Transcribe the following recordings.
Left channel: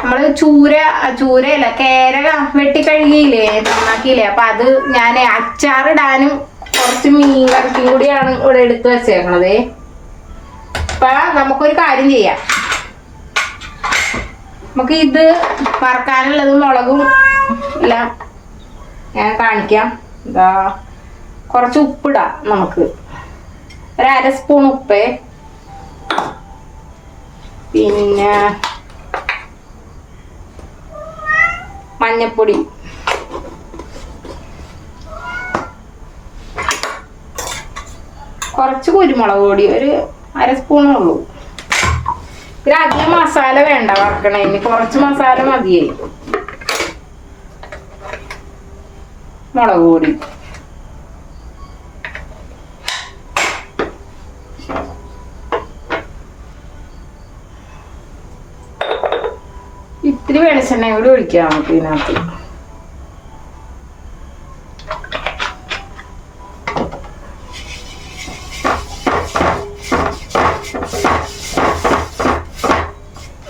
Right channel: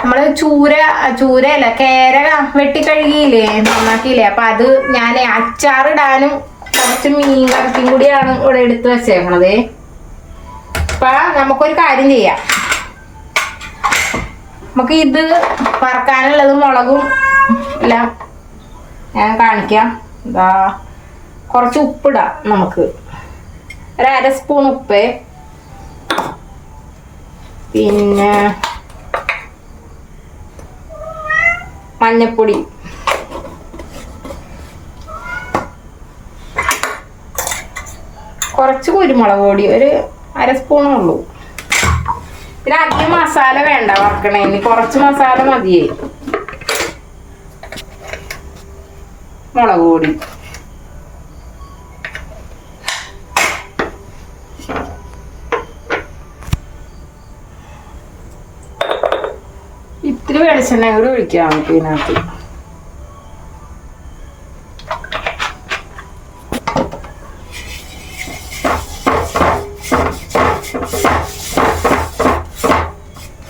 നമ്മള് ചൂരയല്ല കേര വെട്ടി കഴുകിയില്ലേ, നന്നാക്കിയില്ലേ. അപ്പൊ അത് ഞാൻ അച്ചാറിടാനും കുറച്ച് മീൻ കറിക്കും കൂടിയാണ് ഇവിടെ എടുത്ത് വെച്ചേക്കണത്. അപ്പൊ നമുക്കൊരു കാര്യം ചെയ്യാം. നമുക്ക് ഇത് വറക്കാനുള്ളത് മുളകും എല്ലാം ഞാൻ കാണിക്കാം. എന്താ, കുറച്ച് ഉപ്പിടാം. നമുക്ക് ഒരു 1/2 സ്പൂൺ ഉപ്പ്, പിന്നെ മഞ്ഞപ്പൊടി, കുറച്ച് കുരുമുളക് പൊടി, ഒരു 1/2 സ്പൂണേ ഉള്ളൂ. പിന്നെ അധികം മസാല വേണ്ട വറക്കണേന്, കുറച്ച് മസാല മതിയേ. മുളക് പൊടി, ഇത്തിരി വെളിച്ചെണ്ണ കൂടി ഒഴിക്കാം നമുക്ക് ഇതിനകത്ത്.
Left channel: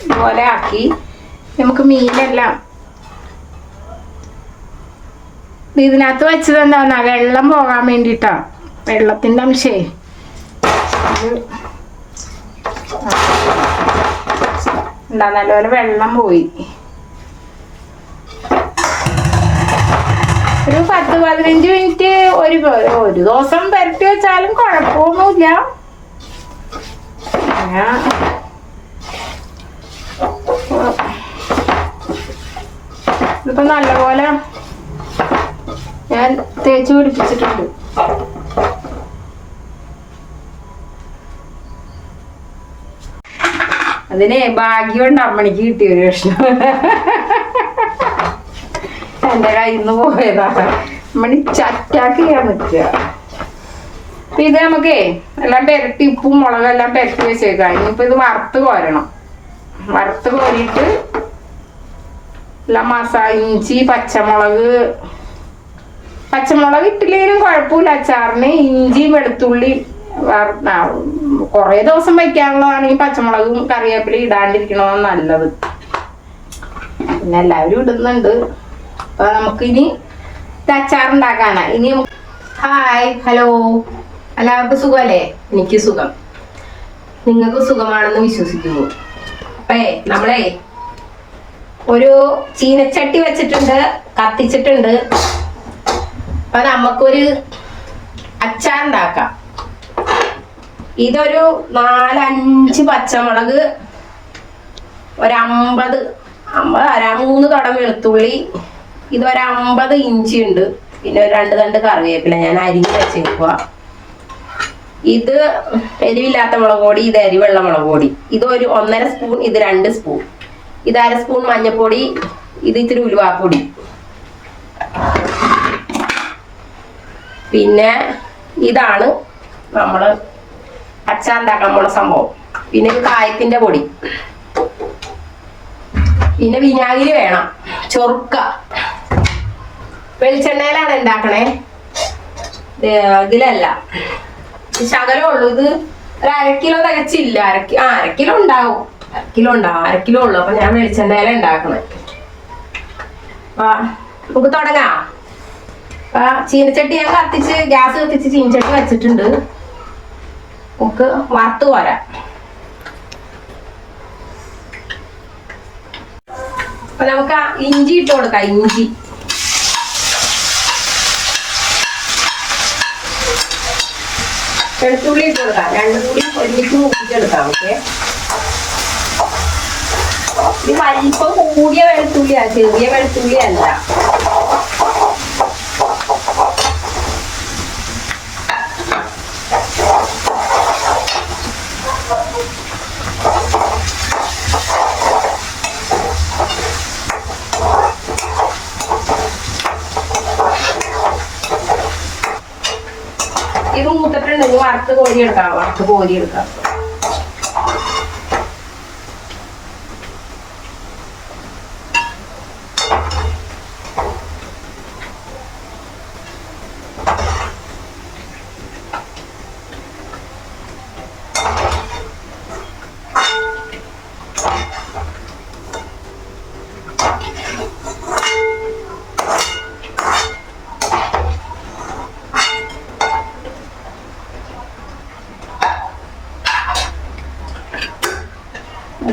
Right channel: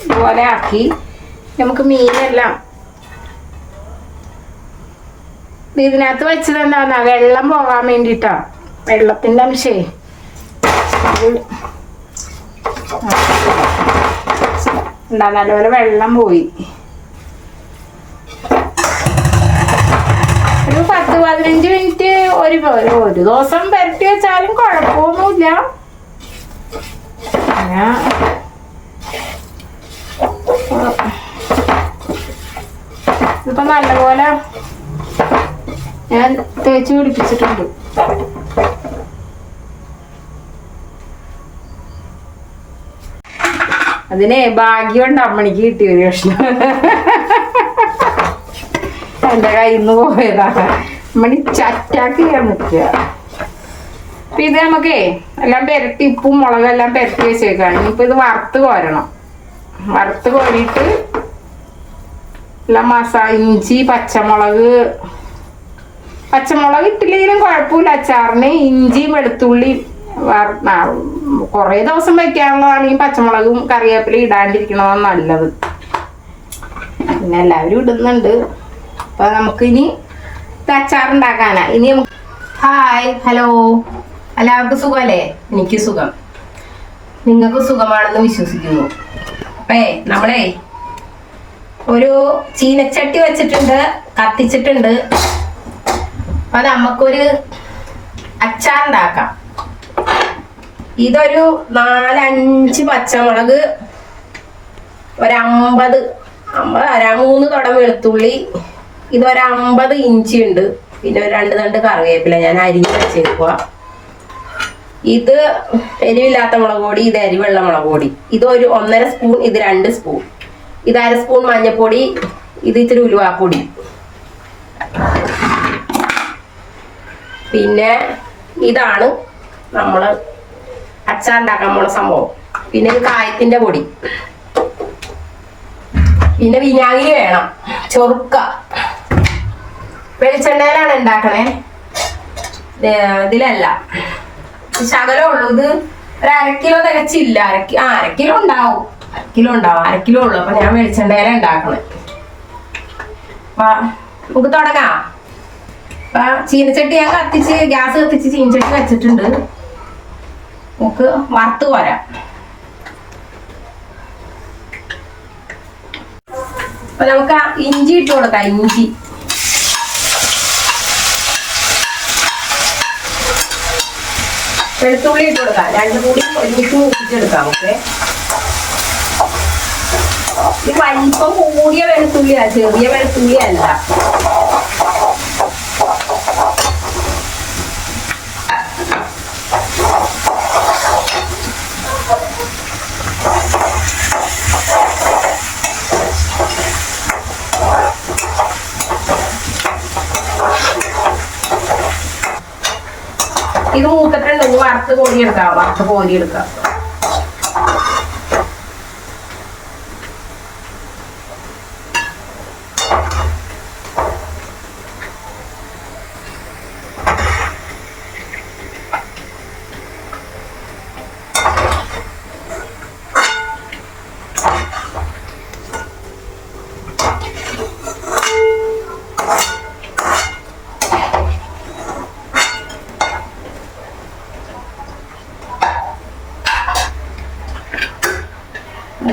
ഇതുപോലെ ആക്കി നമുക്ക് മീനെല്ലാം ഇതിനകത്ത് വെച്ചത് എന്താ, വെള്ളം പോകാൻ വേണ്ടിട്ടാ. വെള്ളത്തിന്റെ അംശേ നല്ലപോലെ വെള്ളം പോയി. ഒരു 10-15 മിനിറ്റ് ഒരു ദിവസം പുരട്ടി വെച്ചാലും കുഴപ്പമൊന്നുമില്ല. ഇപ്പൊ നല്ലപോലെ ഞാൻ തേച്ച് പിടിപ്പിച്ചിട്ടുണ്ട്. അതിനെ ഭാഗ്യമുണ്ട് അമ്മണിക്ക് കിട്ടിയൊരു കഷ്ണം. എന്റെ കയ്യിൽ നിന്ന് പോയതാ. അമ്മണി ചറ്റാക്കി നിൽക്കുക. അപ്പൊ ഇത് നമുക്കേ എല്ലാം പെരട്ടി, ഉപ്പും മുളകും എല്ലാം പെരട്ടി വെച്ചേക്കാണ്. ഇനിയിപ്പൊ ഇത് വറുത്ത് കോരണം. വറുത്ത് കോരിയിട്ട് എല്ലാം ഇഞ്ചി, പച്ചമുളക് ഇട്ടില്ലെങ്കിലും കുഴപ്പമില്ല അച്ചാറിന്. ഇഞ്ചിയും വെളുത്തുള്ളി കൊറേ ദിവസം വെക്കാനുള്ളതാണെങ്കിൽ പച്ചമുളകും കറിവേപ്പിലയും ഇടാണ്ടിരിക്കണതാണ് നല്ലത്. പിന്നെ എല്ലാവരും ഇടുന്നുണ്ട്. അപ്പൊ നമുക്കിനി അച്ചാറുണ്ടാക്കാനാ. ഇനി ഹായ്, ഹലോ, എല്ലാവർക്കും സുഖമല്ലേ? എനിക്ക് സുഖം, നിങ്ങൾക്ക് സുഖമാണെന്ന് വിശ്വസിക്കുന്നു. അപ്പേ നമ്മളെ ഒരു ചീനച്ചട്ടി വെച്ചിട്ടുണ്ട്, കത്തിച്ചിട്ടുണ്ട്. അപ്പൊ നമുക്കൊരു അച്ചാറുണ്ടാക്കാം. ഇതൊരു 4-5 പച്ചമുളക്, ഒരു 3 തുടം വെളുത്തുള്ളി, ഇതൊരു 50 ഇഞ്ചി ഉണ്ട്, പിന്നെ ഒരു 2 തണ്ട് കറിവേപ്പില ഞാൻ അരിഞ്ഞ് വെച്ചേക്കുക. ഇത് എരിവില്ലാത്ത മുളക് പൊടി, ഇത് എരിവെള്ള മുളക് പൊടി. ഇതൊരു 1.5 സ്പൂൺ, ഇത് 2 സ്പൂൺ. ഇത് 1/2 സ്പൂൺ മഞ്ഞൾപ്പൊടി, ഇത് ഇത്തിരി ഉലുവാപ്പൊടി. പിന്നെ ഇതാണ് നമ്മൾ അച്ചാറുണ്ടാക്കാൻ പോണ സംഭവം. പിന്നെ ഇത് കായത്തിന്റെ പൊടി, പിന്നെ വിനാഗിരി വേണം, ചൊറുക്ക. വെളിച്ചെണ്ണയിലാണ് ഉണ്ടാക്കണേ, ഇതിലല്ല. ശകലം ഉള്ളൂ. ഇത് ഒരു 1/2 കിലോ തികച്ചില്ല. 1/2 കിലോ ഉണ്ടാവും. 1/2 കിലോ ഉള്ളു. അപ്പൊ ഞാൻ വെളിച്ചെണ്ണയിലാണ് ഉണ്ടാക്കണേ. അപ്പൊ നമുക്ക് തുടങ്ങാം. അപ്പൊ ചീനച്ചട്ടി ഞാൻ ഗ്യാസ് കത്തിച്ച് ചീനച്ചട്ടി വെച്ചിട്ടുണ്ട്. നമുക്ക് വറുത്ത് പോരാം. അപ്പൊ നമുക്ക് ഇഞ്ചി ഇട്ട് കൊടുക്കാം. ഇഞ്ചി, വെളുത്തുള്ളി ഇട്ട് കൊടുക്കാം. 2 കൂടി ഒരുമിച്ച് മൂപ്പിച്ചെടുക്കാം. നമുക്ക് ഇത് വലിപ്പം കൂടിയ വെളുത്തുള്ളിയാ, ചെറിയ വെളുത്തുള്ളി അല്ല. ഇത് മൂത്തിട്ടുണ്ടെങ്കിൽ വറുത്ത് കോരിയെടുക്കാം.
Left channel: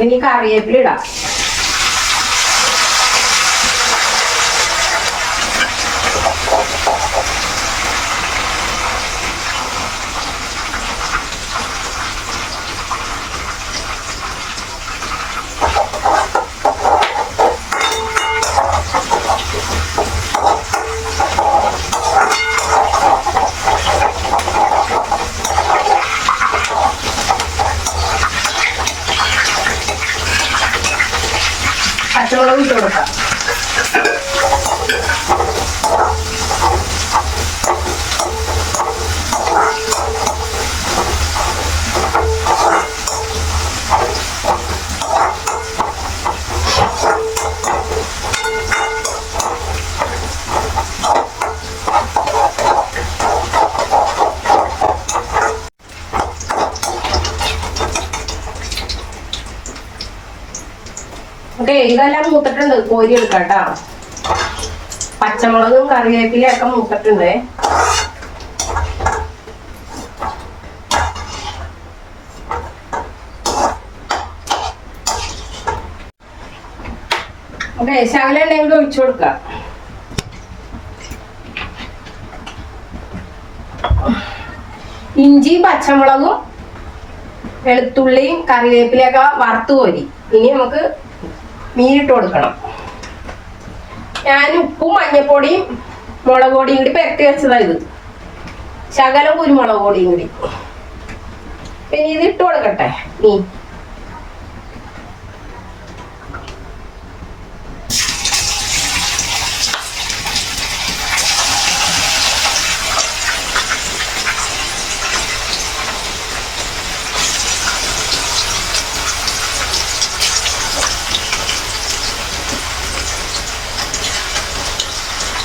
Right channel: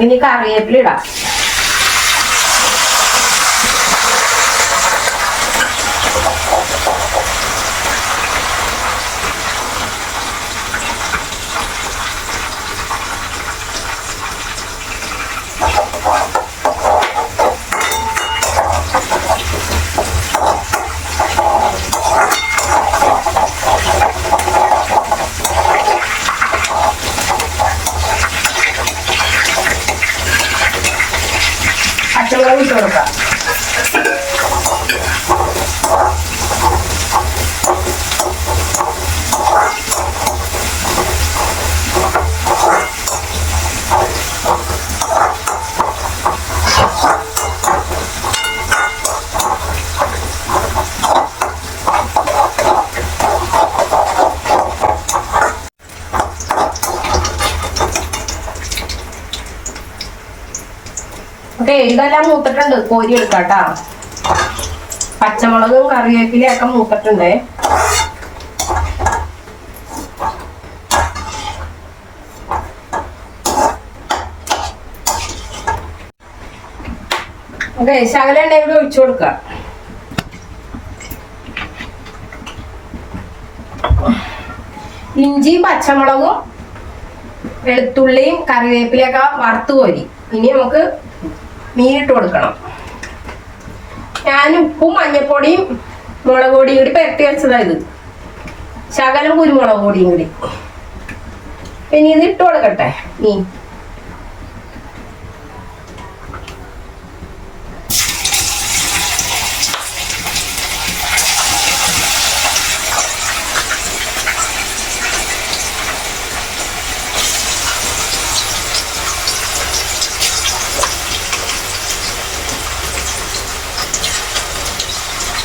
ഇനി കറിവേപ്പില ഇടാം. പച്ചമുളക് ഇട്ട് കൊടുക്കാം. ഓക്കെ, ഇതെല്ലാം മൂത്തിട്ടുണ്ട്. കോരി എടുക്കാം കേട്ടാ. പച്ചമുളകും കറിവേപ്പിലയും ഒക്കെ മൂത്തിട്ടുണ്ട്. ഓക്കെ, ശകലം എണ്ണ ഒഴിച്ചു കൊടുക്കാം. ഇഞ്ചിയും പച്ചമുളകും വെളുത്തുള്ളിയും കറിവേപ്പിലയൊക്കെ വറുത്ത് കോരി. ഇനി നമുക്ക് മീനിട്ട് കൊടുക്കണം. ഞാൻ ഉപ്പും മഞ്ഞപ്പൊടിയും മുളക് പൊടിയും കൂടി പെരട്ടി വെച്ചതാ ഇത്. ശകലം കുരുമുളക് പൊടിയും കൂടി. ഇനി ഇത് ഇട്ട് കൊടുക്കട്ടെ മീൻ.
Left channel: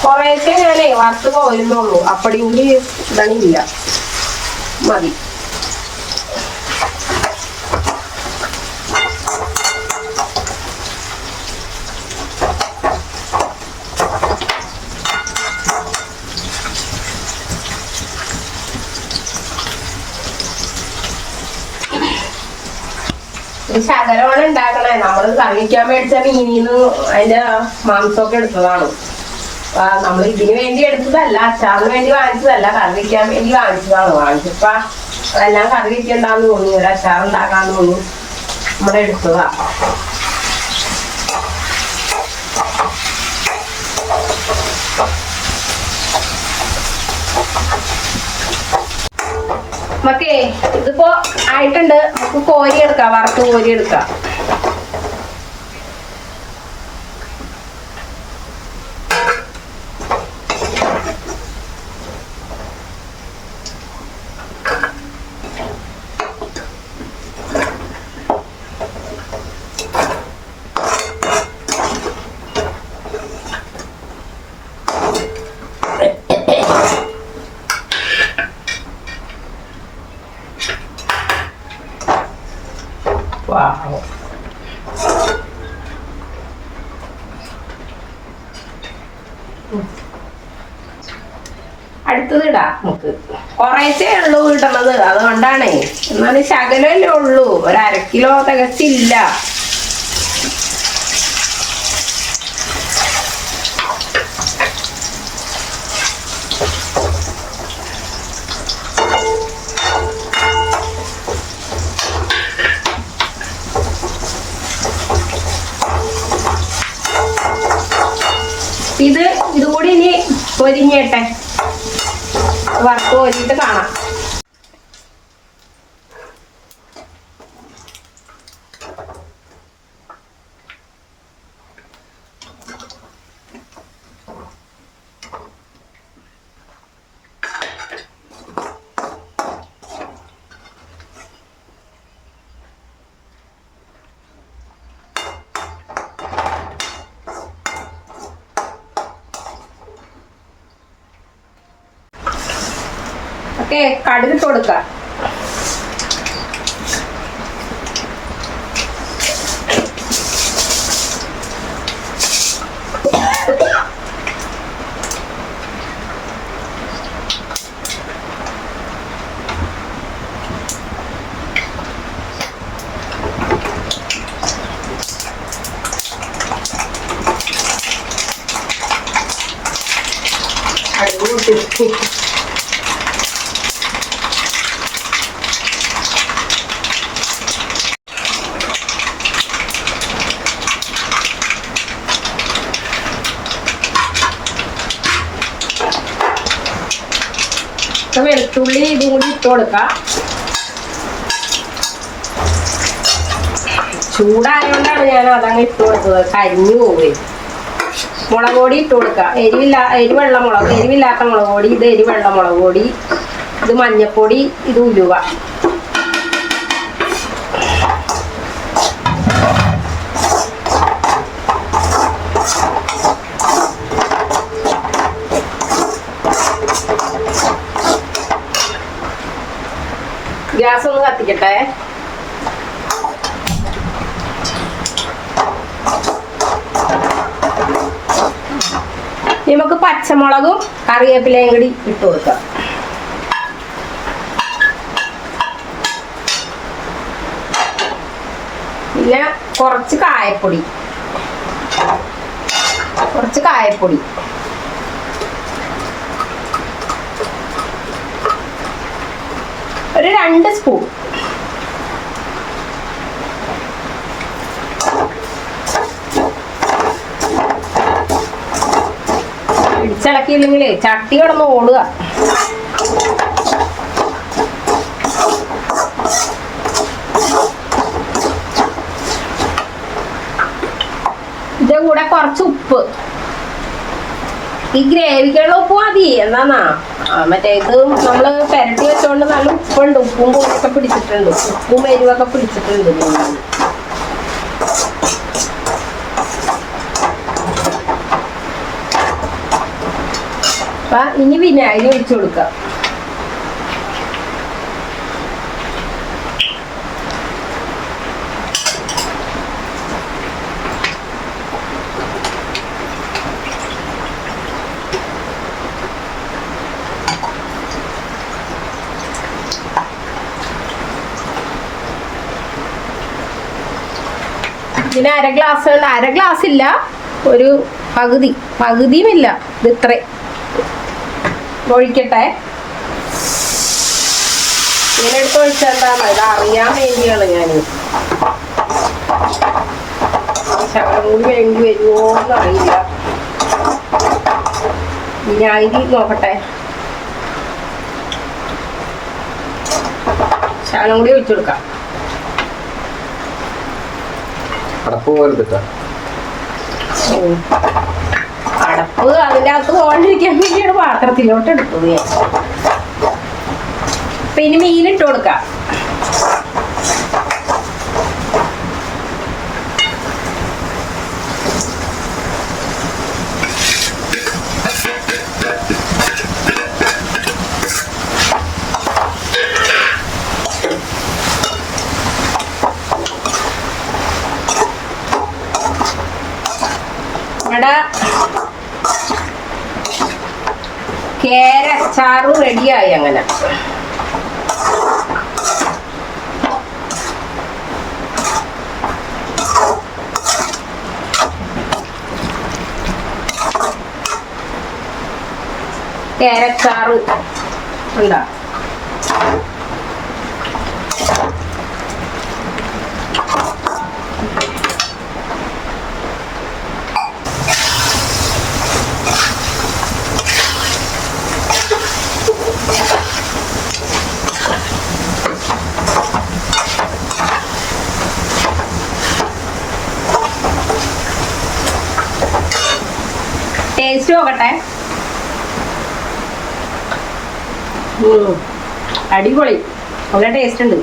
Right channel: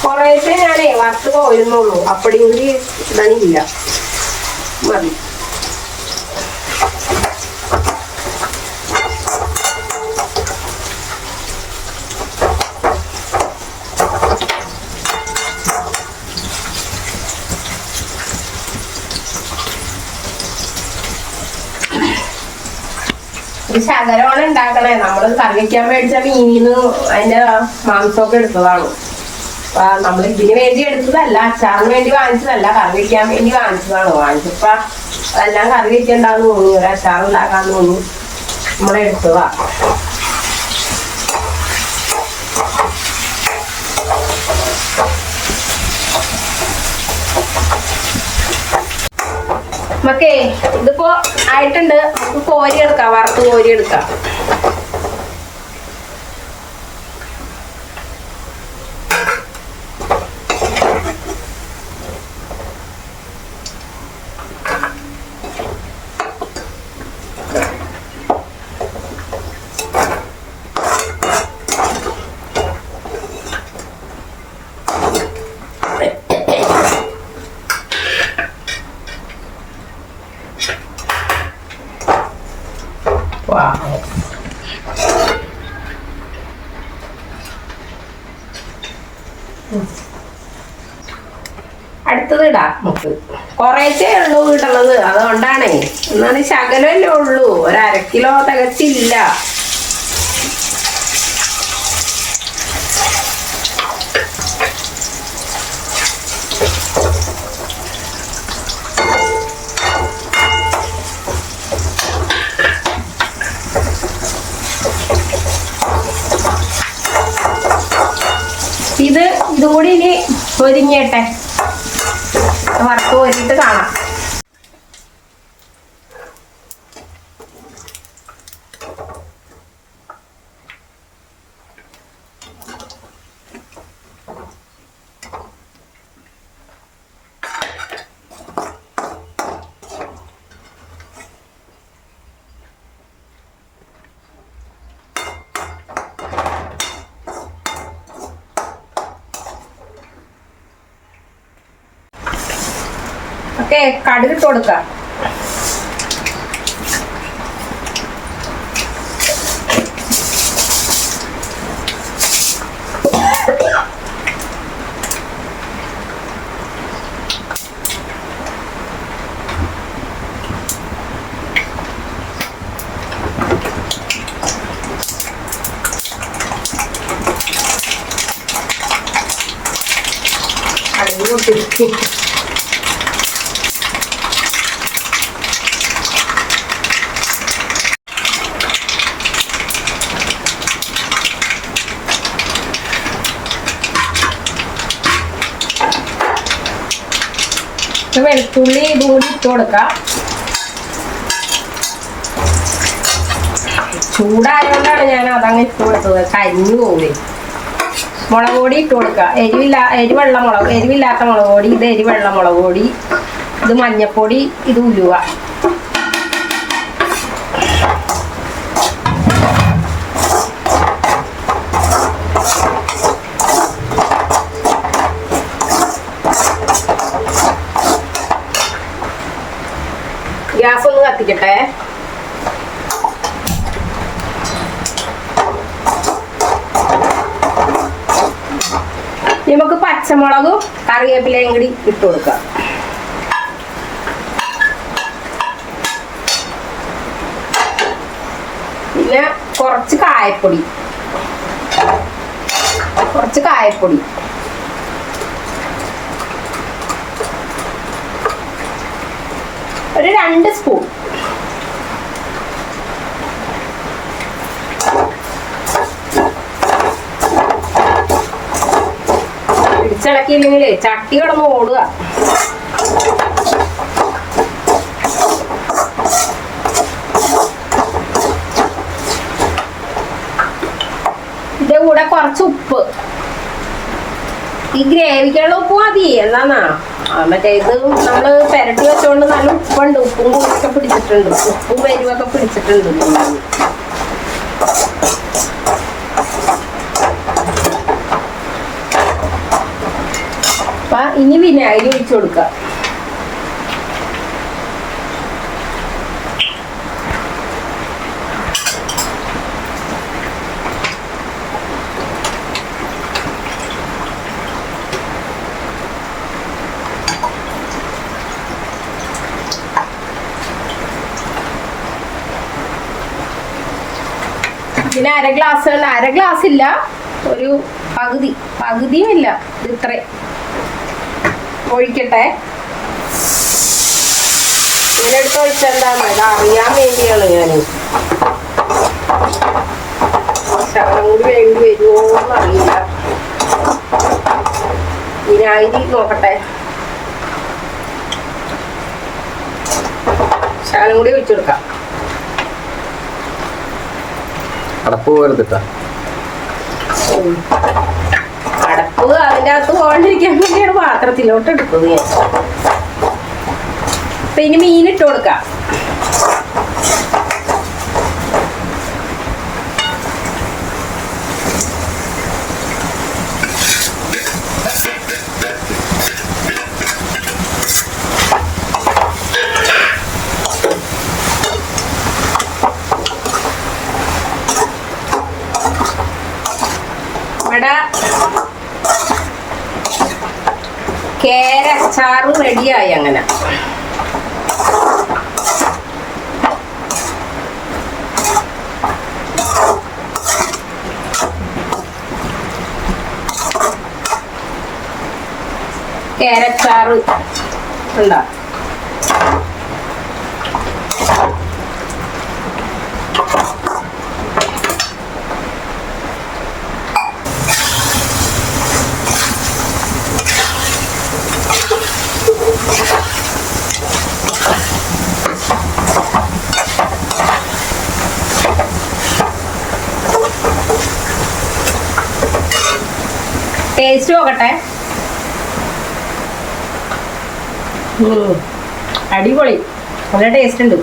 കുറേശ്ശേ ഞാനേ വറുത്ത് പോരുന്നുള്ളൂ. അപ്പടിയും കൂടി ഇടണില്ല, മതി. ഒരു ശകലമാണ് ഉണ്ടാക്കണേ. നമ്മൾ കറി വയ്ക്കാൻ മേടിച്ച മീനിന്ന് അതിന്റെ മാംസമൊക്കെ എടുത്തതാണ്. നമ്മൾ ഇതിന് വേണ്ടി എടുത്തതല്ല, അച്ചാറിന് വേണ്ടി വാങ്ങിച്ചതല്ല, കറി വയ്ക്കാൻ വേണ്ടി വാങ്ങിച്ചതാണ്. വാങ്ങിച്ചപ്പോ അതെല്ലാം കറി വയ്ക്കണ്ടാന്ന് തോന്നി, ഒരു അച്ചാറുണ്ടാക്കാന്ന് തോന്നി നമ്മളെടുത്തതാ. നമുക്കേ ഇതിപ്പോ ആയിട്ടുണ്ട്. നമുക്ക് കോരി എടുക്കാം, വറുത്ത് കോരി എടുക്കാം. അടുത്തത് ഇടാം. നമുക്ക് കുറേശ്ശേ ഉള്ളൂ ഇടണത്, അതുകൊണ്ടാണേ. എന്നാലും ശകലല്ലേ ഉള്ളൂ, ഒരു 1/2 കിലോ തികച്ചില്ല. ഇതുകൂടി ഇനി പൊരിഞ്ഞേട്ടെ, വറുത്ത് പൊരിച്ചിട്ട് കാണാം. ഓക്കെ, കടുകിട്ട് കൊടുക്കാം. വെളുത്തുള്ളി ഇതും കൂടി ഇട്ട് കൊടുക്കാം. ചൂടായതുകൊണ്ടാണ് ഞാൻ അതങ്ങ് ഇട്ട് കൊടുത്തത്, കരിഞ്ഞു പോവേ. മുളക് പൊടി ഇട്ട് കൊടുക്കുക. എരിവില്ലാത്ത മുളക് പൊടി, ഇത് എരിവെള്ള മുളക് പൊടി, ഇത് മഞ്ഞപ്പൊടി, ഇത് ഉലുവ. ഗ്യാസ് ഒന്ന് കത്തിക്കട്ടെ. നമുക്ക് പച്ചമുളകും കറിവേപ്പിലയും കൂടി ഇട്ട് കൊടുക്കാം. പിന്നെ കുറച്ച് കായപ്പൊടി, ഒരു 2 സ്പൂൺ. ഇടിച്ചിളക്കിയില്ലെങ്കിലേ ചട്ടി കിടന്ന് ഓടുക. ഇതിന്റെ കൂടെ കുറച്ച് ഉപ്പ്, ഈ ഗ്രേവിക്കുള്ള ഉപ്പ് മതി. എന്നാ മറ്റേ ഇത് നമ്മള് പെരട്ടി വെച്ചോണ്ട് നല്ല ഉപ്പുണ്ട്, ഉപ്പും കൂടൊക്കെ പിടിച്ചിട്ടുണ്ട്, ഉപ്പും എരിവൊക്കെ പിടിച്ചിട്ടുണ്ട്. അപ്പൊ ഇനി വിനാഗിരി ഒഴിച്ചു കൊടുക്കാം. ഇതിന് അര ഗ്ലാസ് ഇല്ല, ഒരു പകുതിയും ഇല്ല, ഇത് ഇത്ര ഒഴിക്കട്ടെ. ഇതിനടുത്ത് ഒഴിച്ചെന്താന്ന് ഇത് അറിയാൻ വേണ്ടിയാണ് ഞാൻ. ശകലം കൂടി വേണ്ടി വരുമോന്ന് അറിയില്ല. വിനാഗിരി നോക്കട്ടെ, ശകലം കൂടി ഒഴിച്ചു കൊടുക്കാം. അടപ്പ് പോലെത്തിട്ടാ അടപ്പ് അതിൻ്റെ അകത്ത് പോകാണ്ടിരിക്കാൻ വേണ്ടിയാണ് പാത്രത്തിലോട്ട് എടുത്തത് ഞാൻ. അപ്പൊ ഇനി മീനിട്ട് കൊടുക്കാം. ഇവിടെ കേര അച്ചാറ് റെഡിയായി. അങ്ങനെ കേരച്ചാറ് ഉണ്ടോ? ടേസ്റ്റ് നോക്കട്ടെ. അടിപൊളി, നല്ല ടേസ്റ്റ് ഉണ്ട്.